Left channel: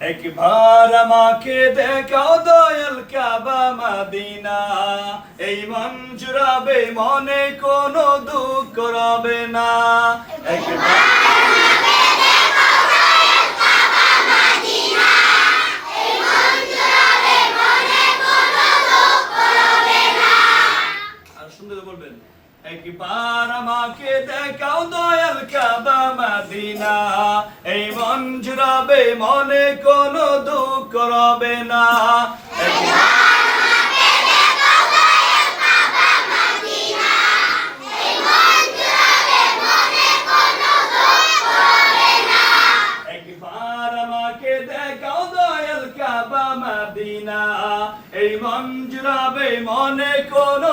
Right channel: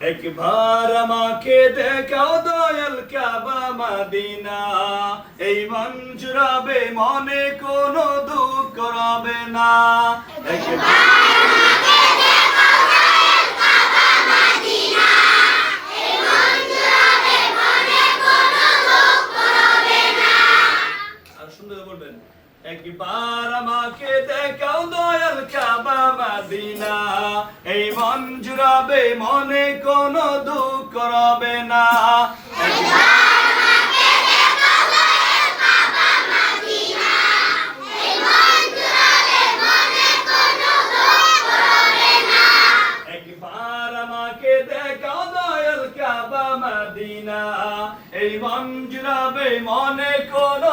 একবার আমাকে দেখাও দয়াল কাবা মাদিনা। এই মন জুড়াবে মনে কোনো দুঃখ রবে না। একবার একবার আমাকে দেখাও দয়াল কাবা মাদিনা। এই মন জুড়াবে মনে কোনো দুঃখ রবে না। মাদিনা। এই মন জুড়াবে মনে কোনো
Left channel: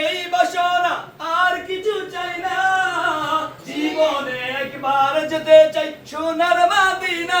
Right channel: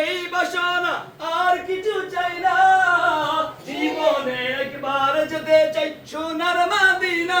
এই বাসনা আর কিছু চাই না। জীবনে একবার যেতে চাই সোনার মাদিনা।